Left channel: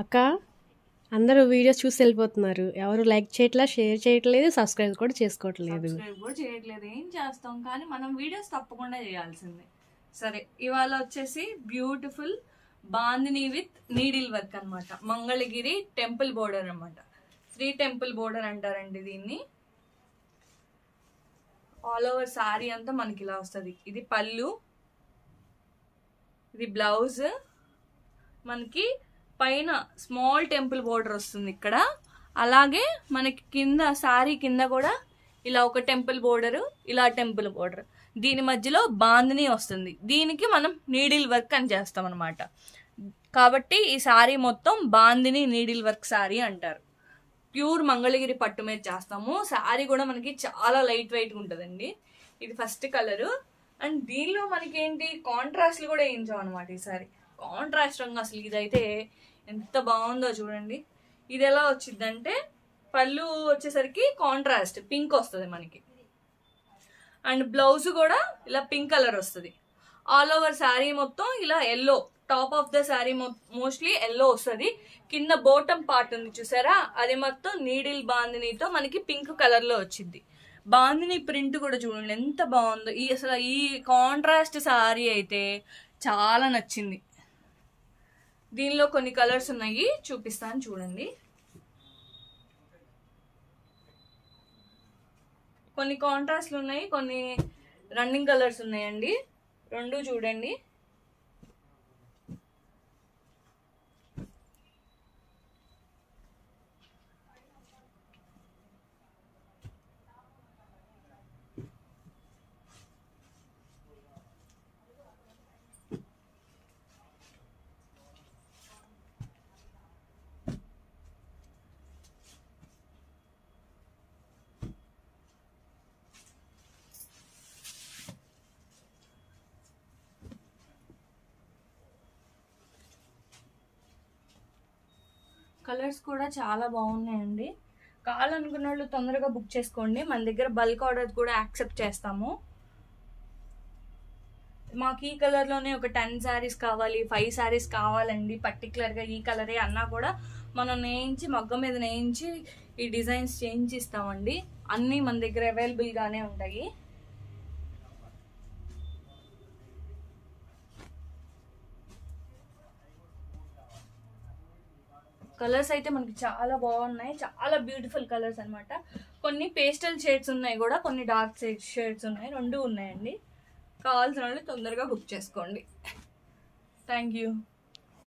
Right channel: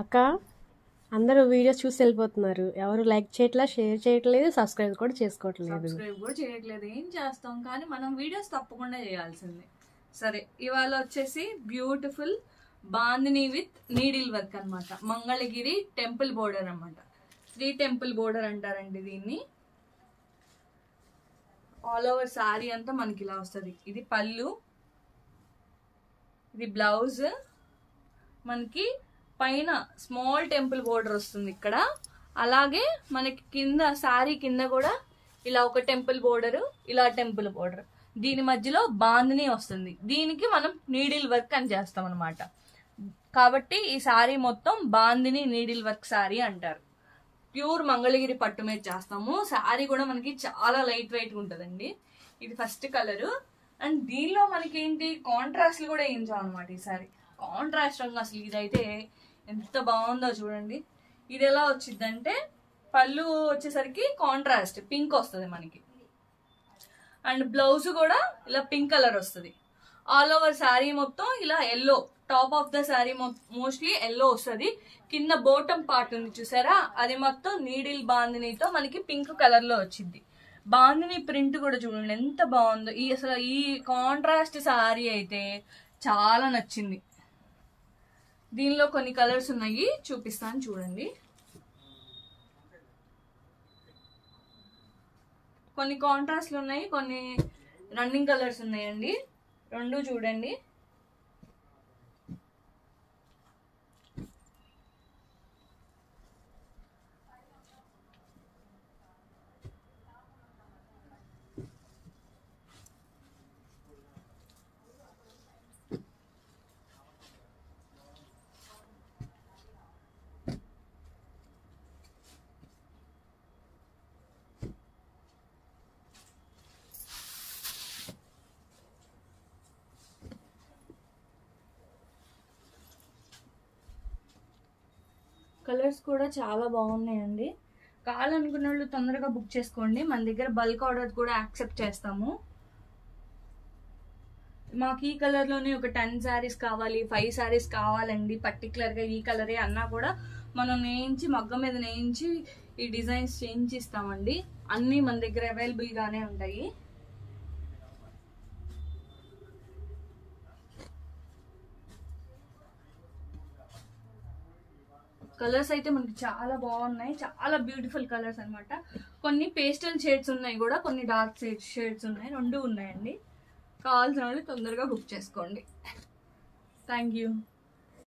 అక్క అందరూ వీడియోస్ చూసి వెళ్ళిపోతున్నారు. ఎవరు లైక్ చేయట్లేదు, షేర్ చేయట్లేదు, సబ్స్క్రైబ్ కూడా చేయట్లేదు. ఏం చేస్తాం, కానీ మనం వీడియోస్ తప్పకుండా చేయాల్సిందే. సరే, ఇవాళ వచ్చేసి beautiful bandhani with needle work అనమాట. మంగళగిరి టెంపుల్ బోర్డర్ అనమాట. 3 టెంపుల్ బోర్డర్ అంటారండి దీన్ని. ఆల్ ఓవర్ సారీ అంతా మనకి ఇలా వస్తుంది. ఇది పళ్ళు, ఇది బ్లౌజ్. మనకి పైన స్మాల్ టెంపుల్ బోర్డర్ వస్తుంది ఇక్కడ. అలాగే మనకి కింద సారీ కింద కూడా ఇలా ఒక టెంపుల్ బోర్డర్, ఇలా టెంపుల్ బోర్డర్. దీని మధ్యలో బాందిని వస్తుంది. దీనికి మనం నీడిల్ వర్క్ అని చేస్తాం అనమాట. కాబట్టి ఈ సారీ మొత్తం బాందిని నీడిల్ వర్క్ సారీ అంటారు. ప్యూర్ మంగళగిరి పట్టు మీద చేస్తాము. సారీ కూడా మనకి చాలా లైట్ వెయిట్ ఉంటుందండి. ఇది ఫస్ట్ కలరు. అండ్ దీనిలో మనకి ఏంటి కాంట్రాస్ట్లు కూడా వేయించాం అనమాట. ఈ సారీ కాంట్రాస్ట్ రంగు. అసలు ఇదైతే ఎంత బాగుందో చూడండి. ఇది ఎలా వచ్చిందంటే పళ్ళు వచ్చేసరికి కాంట్రాస్ట్ పింక్ వస్తుంది మనకి. అండ్ బ్లౌజ్ కూడా ఇలా పింక్ కలర్ వస్తుంది. ఆల్ ఓవర్ శారీ మొత్తం ఇలా yellow, top of the sari mostly yellow వస్తుంది. కింద బోటం పార్ట్ ఉంది చూసారా, అది మొత్తం నీడిల్ బాందినితో మనకి పింక్ కలర్ లో వచ్చింది. బాందిని ప్రింట్ కూడా చూడండి ఎంత బాగుందో. అసలు ఈ కాంట్రాస్ట్ శారీ అయితే చాలా నచ్చింది. దీనిలో కొన్ని కలర్స్ ఉన్నాయి, చూపిస్తాను చూడండి. కొన్ని కాంట్రాస్ట్లు ఉన్నాయి, కొన్ని రన్నింగ్ కలర్స్ ఉన్నాయండి. రెండు చూడండి. కలర్స్ కూడా చాలా బాగున్నాయండి. కావాలనుకున్న వాళ్ళు తొందరగా బుక్ చేసుకోండి. మన దగ్గర బల్క్ ఆర్డర్ కూడా యాక్సెప్ట్ చేస్తాము. మాకు ఈ కలర్లోనే ఒక 10 శారీస్ కావాలి, 5 శారీస్ కావాలండి, పర్టికులర్గా ఈ కలరే అన్నా కూడా మనం నేయించి మగ్గం మీద నేయించి ఈ డిజైన్స్ చేయించి ఇస్తామండి. అన్నీ మన దగ్గర అవైలబుల్గానే ఉంటాయి. కలర్స్ అయితే మనకి చాలా బాగున్నాయి, చాలా బ్యూటిఫుల్ కలర్స్ అనమాట. కొన్ని పేస్టల్ షేడ్స్ ఉన్నాయి కూడా, కొన్ని డార్క్ షేడ్స్ ఉన్నాయి, రెండు ఉన్నాయండి. కావాల్సిన వాళ్ళు తొందరగా బుక్ చేసుకోండి. Thank you.